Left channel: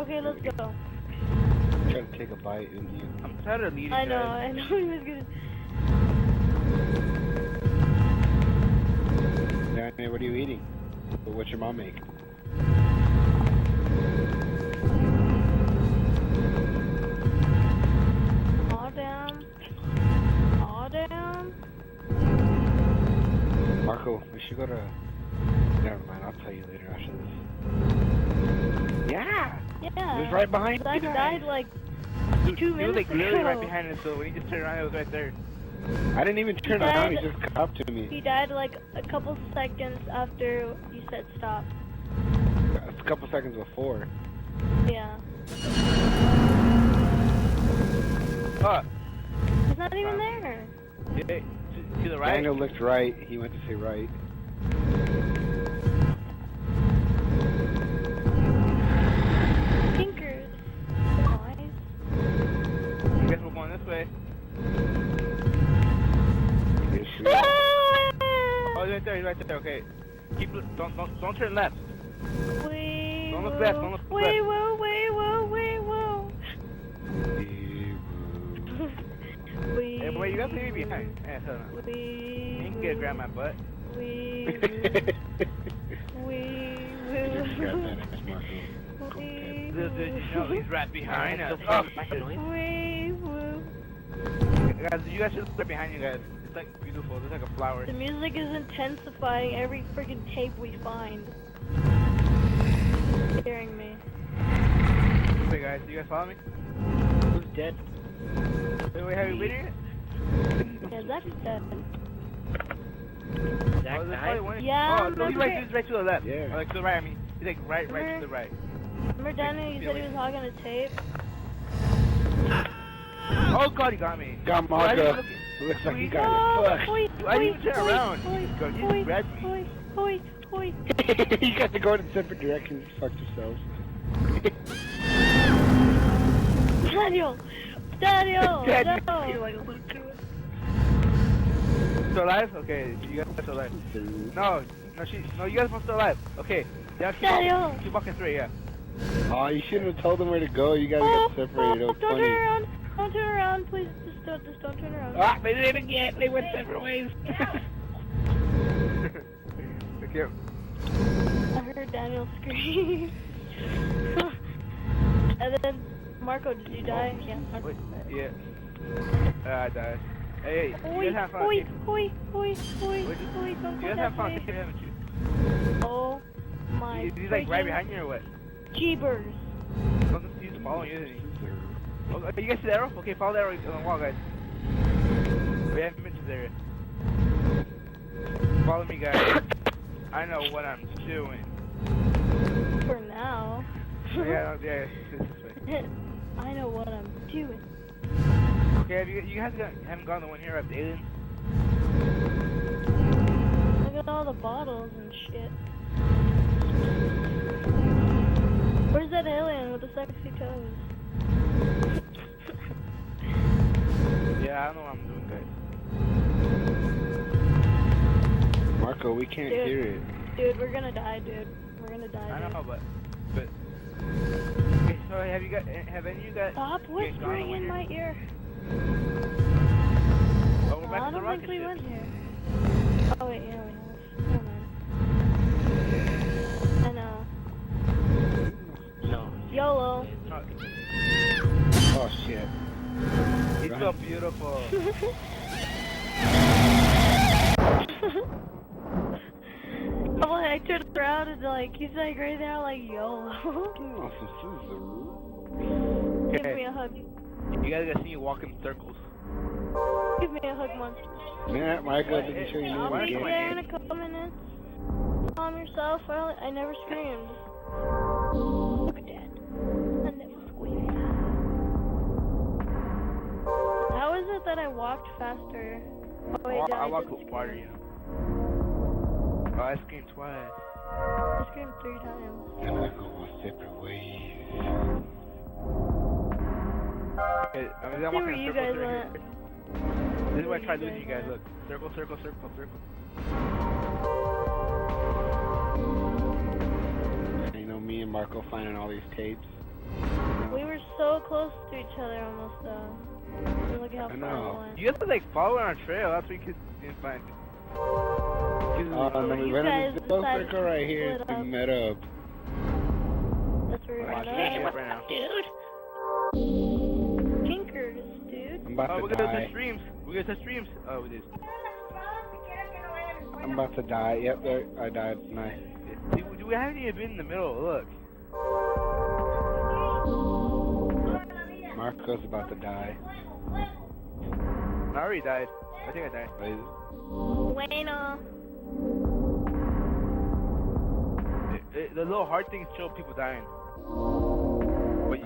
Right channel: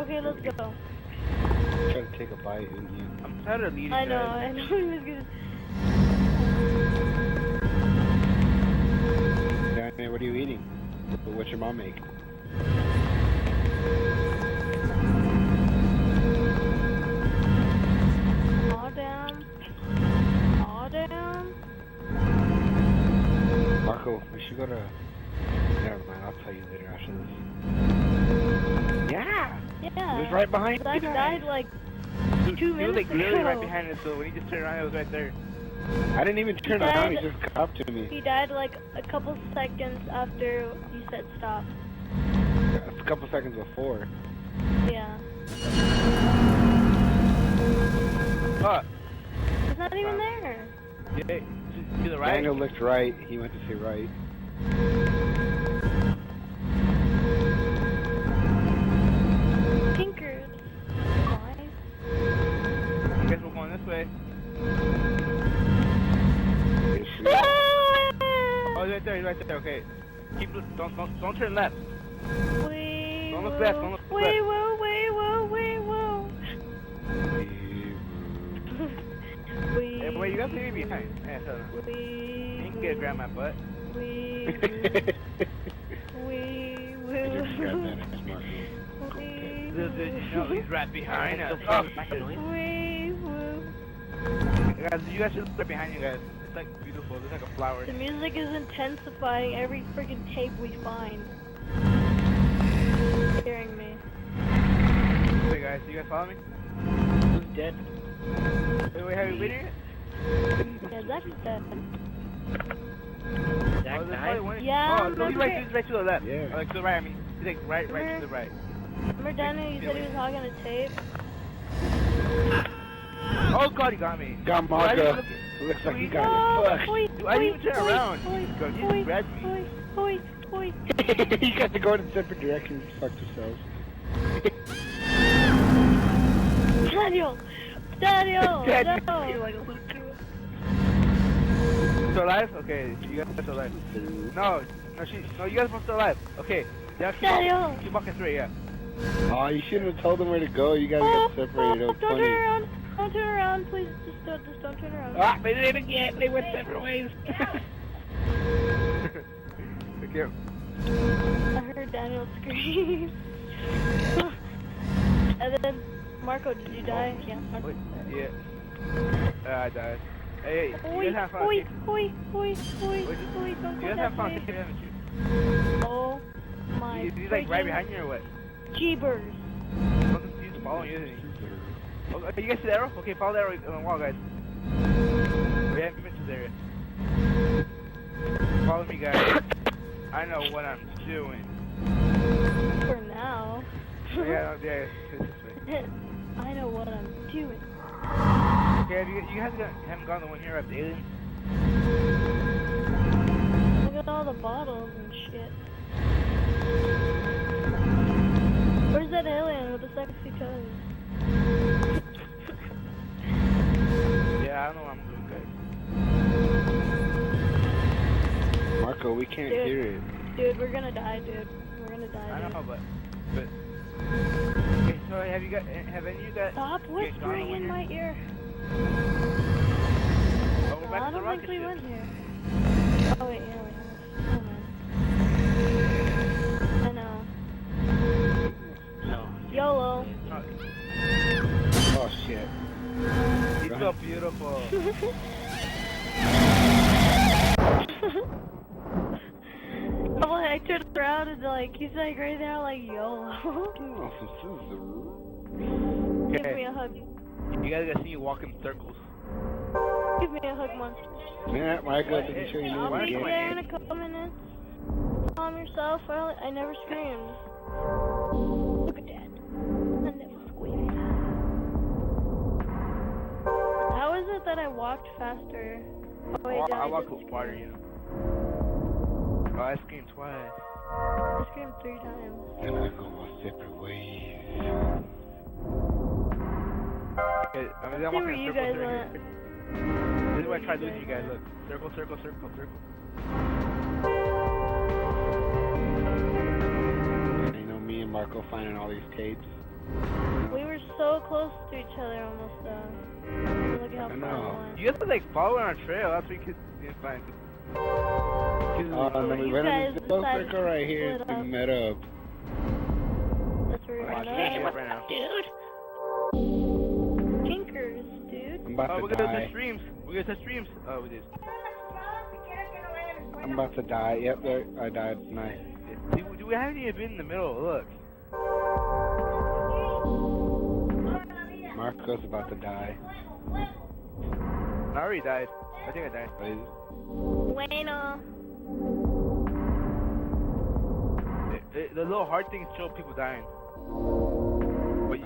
Okay, let's go. Try to take a bite in you. I'm tired of eating. I know he was gonna. Danny, what are you eating? What's your mom make? All down. All down. Marco, we should go to... Never mind, I'll tell you later after this. Yeah! Yeah. It was right behind I you died like 2 minutes ago. He was like literally right behind us, so when he just turned around, it was right there. I didn't even turn around, he just came up to me. He died like a couple seconds after you said stop. A couple seconds before. Yeah. Oh! He's not even there. Yeah, to the right? Daniel looked right, he went to say right. Pinkers. Nice. I guess we're going this way. Oh, he's right there, okay. Don't turn left. Wait, Don't look left, don't look left. wait, whoa, wait, whoa, wait, whoa. Hey, boy, you gotta leave me behind. Yeah, hold on. You can get grab my butt. I just grabbed that ass, Marco. You know he's right behind us. Guys, you guys should look right behind you guys. It's like beautiful. It's like a flower. The music is intensifying every freaking tape we find. Scaring me. Hey guys, you guys follow me? Who's dead? Wait, have you been here? Yeah, Zach's dead. Zach died? Yeah, oh, no, he's right to the left. Yeah. Like to the right, I mean. He's like right to the right. Remember Danny, you said he was hogging a tape? Oh god, he got me. Got Marco. Looks like he got it. Fuck. Dude, I didn't even turn around. He just grabbed me. You got to go in separate directions. Fuck yourselves. Daniel! No! You're like a little girl. Still alive? Okay, you guys are still alive. No, you guys are still alive. Okay, Daniel! keep walking straight, yeah. Oh, you shouldn't have told them where to go. You guys got separated. It was Don't funny. turn around! Don't turn around, please. Just don't turn around. Ah, they did it again. They went separate ways. Okay. I heard Daniel scream. And then, Marco, did you die? Yeah, Marco. Wait, yeah. I died. Hey, you guys have fun. Hoi, Wait, don't you go guys have that fun, way. haven't you? Oh my He's like right behind you or what? Jeebers. He's following you, isn't he? Oh, you guys see the arrow? Okay, follow the arrow on the wall, guys. We haven't been to this area. Follow me, guys. I know what I'm doing. For now. Yeah, it's this way. I know what I'm doing. Okay, you guys haven't gone the one here at the aliens? Look at all the bottles and shit. Where's that alien with the sexy toes? Yeah, I don't know what I'm doing, guys. Marco, we can't hear it. Dude, we're gonna die, dude. We're gonna die, I dude. know, but okay, so have any of you guys? Stop whispering in my ear. Oh, we're back I to the don't rocket think we ship. went here. Oh wait, yeah, we have. Oh man. I know. No. YOLO. Oh shit. He's so beautiful. Oh, I turned around and like he's like right there, like YOLO. Give me a hug. You guys gotta see me walk in circles. Give me a hug, monster. Yeah, Marco, did you show you I'll knew be again? there in a couple minutes. Calm yourself. I never screamed. Look at that. I never screamed. How is it that I walked faster? Oh wait, I walk didn't farther, scream. you know. Oh, I screamed twice. I screamed 3 times. And I go our separate ways. Okay, I mean, Let's I'm see walking where in you circles guys right went. here. This is where I tried losing you guys. Look, circle, circle, circle, circle. You know, me and Marco finding all these tapes. We were so close to each other almost though. Look how I far know. we went. You guys were like following our trail. That's what we didn't find. And then we You went in guys this little decided circle to right here split and up. met up. That's where we Alright, met up. right now. Tinkers, dude. I'm about Oh, to we're gonna die. touch streams. We're gonna touch streams. Oh, we did. I'm about to die. Yep, there. I died. Nice. Do we haven't even been in the middle? Look. Marco's about to die. I already died. I think I died. Bueno. The little heart things show people dying. What